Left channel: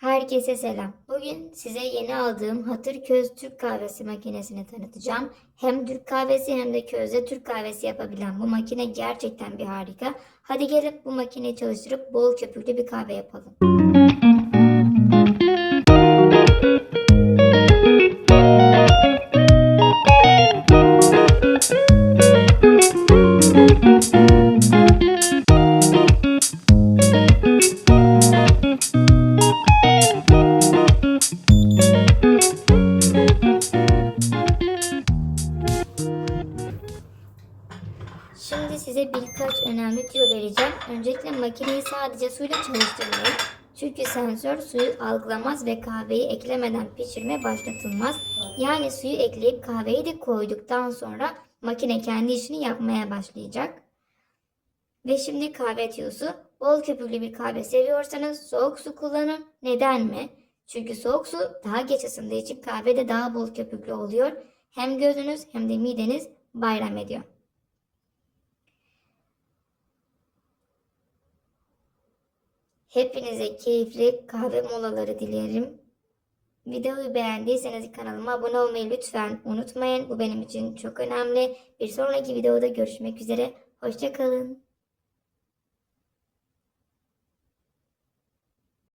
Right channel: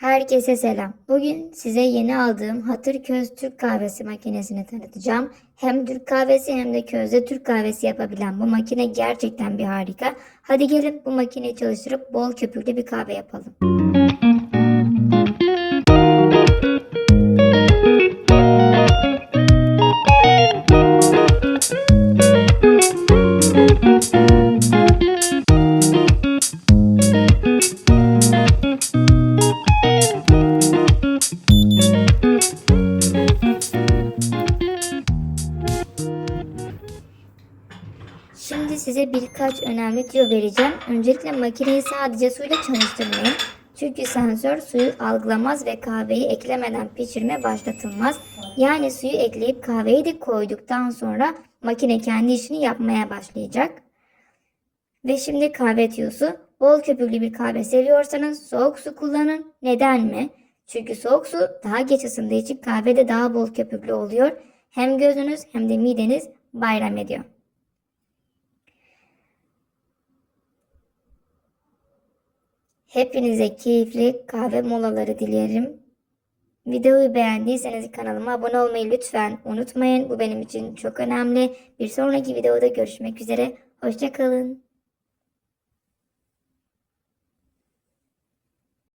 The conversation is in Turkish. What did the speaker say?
Herkese selam. Bugün size yeni aldığım Hatır Köz Türk Kahvesi makinesini tanıtacağım. Hem Türk kahvesi hem de közde Türk kahvesi yapabilen bu makine gerçekten bir harika. Hadi gelin bu makineyi çalıştırıp bol köpüklü bir kahve yapalım. Şimdi size birkaç önemli tüyo vereceğim. Öncelikle makineyi sadece suyla çalıştırmayın. Çünkü sensör suyu algılamaz ve kahveyi eklemeden pişirme başlatılmaz. Yani suyu ekleyip kahveyi de koyduktan sonra makine kendi işini yapmaya başlayacak. Ve şimdi kahve tüyosu. Bol köpüklü bir kahve seviyorsanız soğuk su kullanın. Neden mi? Çünkü soğuk su daha geç ısındığı için kahvede daha bol köpüklü oluyor. Hem gözünüz hem de mideniz bayram ediyor. Hepinize keyifli kahve molaları dilerim. Videoyu beğendiyseniz kanalıma abone olmayı lütfen unutmayın. Bu benim için çok önemli. Bir sonraki videoda görüşmek üzere. Hoşçakalın.